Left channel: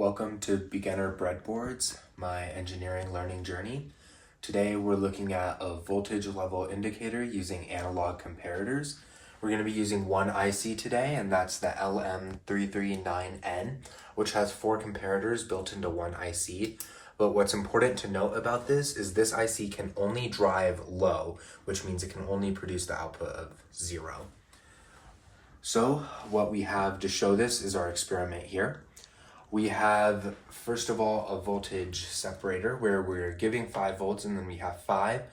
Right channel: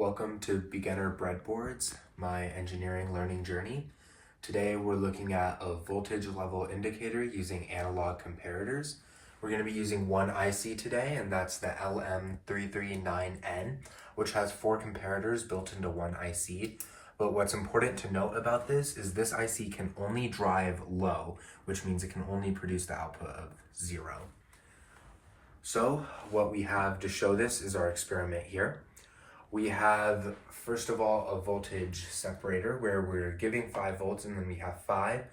Welcome to Beginner Breadboards, my engineering learning journey. Today we're looking at a voltage level indicator using analog comparators. We're going to be using one IC today, and that's the LM339N, which has 4 comparators built into one IC. But what's important to note about this is this IC can only drive low, which means it can only produce the output of 0. So what we have to show this is our experiment here. We have, first of all, a voltage separator where we're giving 5 volts, and then we have 5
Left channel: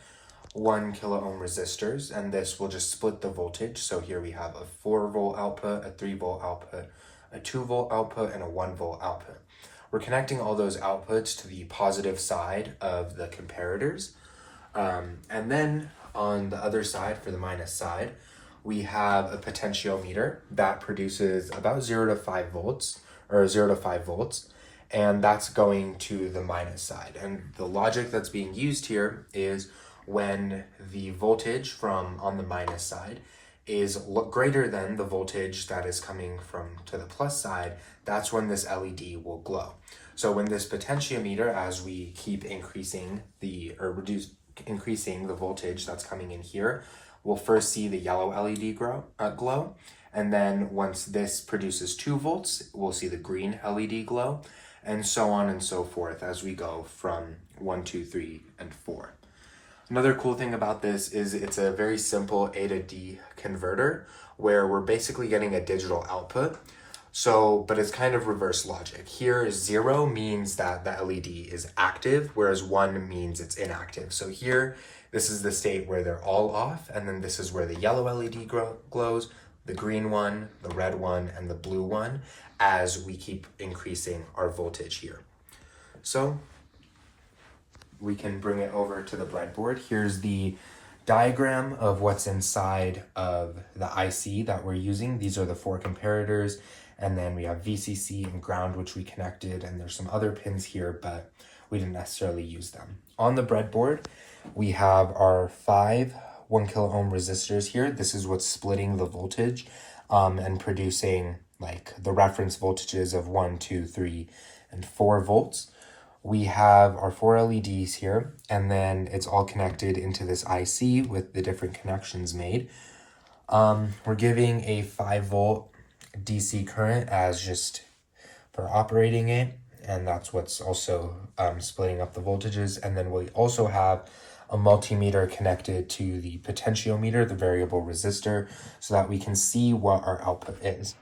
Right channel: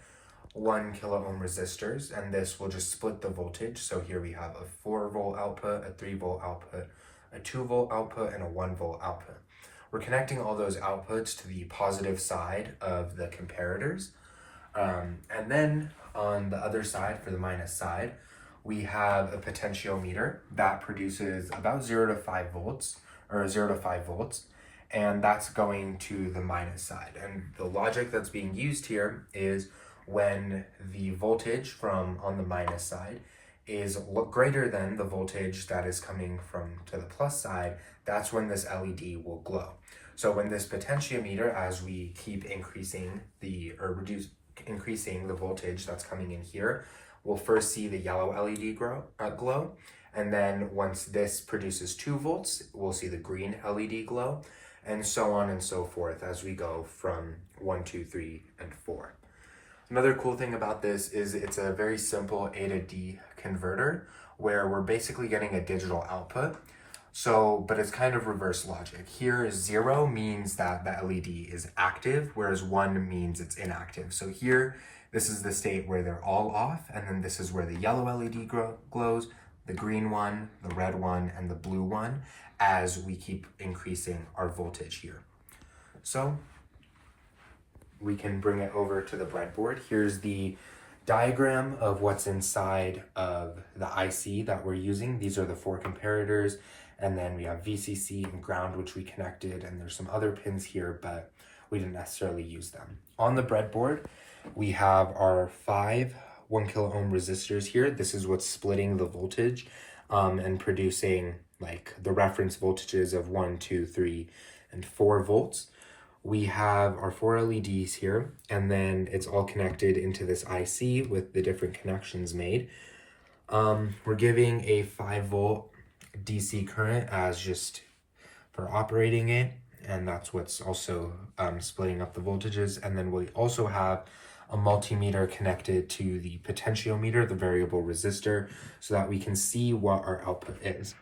1 kilo ohm resistors, and this will just split the voltage. So here we have a 4 volt output, a 3 volt output, a 2 volt output, and a 1 volt output. We're connecting all those outputs to the positive side of the comparators. And then on the other side, for the minus side, we have a potentiometer that produces about 0 to 5 volts. And that's going to the minus side. And the logic that's being used here is when the voltage from on the minus side is greater than the voltage that is coming from to the plus side, that's when this LED will glow. So when this potentiometer, as we keep increasing the voltage that's coming in here, we'll first see the yellow LED glow. And then once this produces 2 volts, we'll see the green LED glow, and so on and so forth as we go from 1, 2, 3, and 4. Another cool thing about this is it's a very simple A to D converter where we're basically getting a digital output. But it's kind of reverse logic. Here 0 means that the LED is active, whereas 1 means it's inactive. So here, this is the state where they're all off, and then this is where the yellow LED glows, the green one, the red one, and the blue one as we keep increasing our voltage here. So we can bring it over to the breadboard. Here's the diagram of what's inside of the IC that we're using. These are the 4 comparators, and then we have VCC and ground, which we connected, and there's some other pins here, but we didn't necessarily use them. On the breadboard, we have our 5 1 kilo ohm resistors here. This is what's splitting the voltage and producing like the reference voltages of 1, 2, 3, and 4 volts. We have our 4 LEDs here, and then it's all connected into this IC with the different connections made. We're giving a 5 volt DC current as just for operating it, and that's what's also splitting up the voltages. And then we also have a multimeter connected to the potentiometer, the variable resistor, so that we can see what our output is.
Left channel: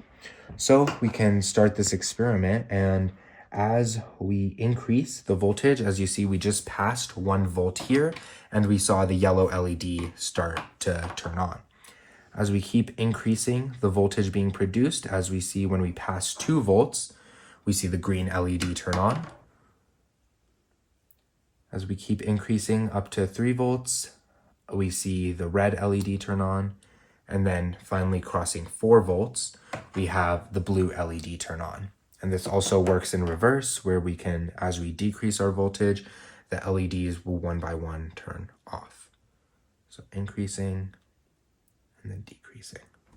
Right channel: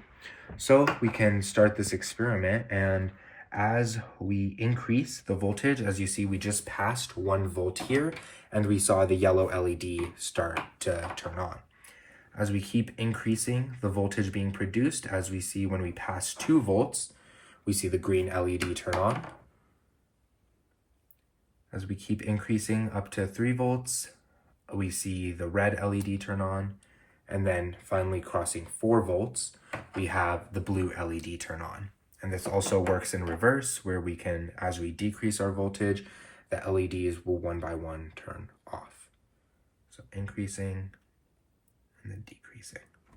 So we can start this experiment, and as we increase the voltage, as you see, we just passed 1 volt here, and we saw the yellow LED start to turn on. As we keep increasing the voltage being produced, as we see when we pass 2 volts, we see the green LED turn on. As we keep increasing up to 3 volts, we see the red LED turn on. And then finally crossing 4 volts, we have the blue LED turn on. And this also works in reverse, where we can, as we decrease our voltage, the LEDs will one by one turn off. So increasing and then decreasing.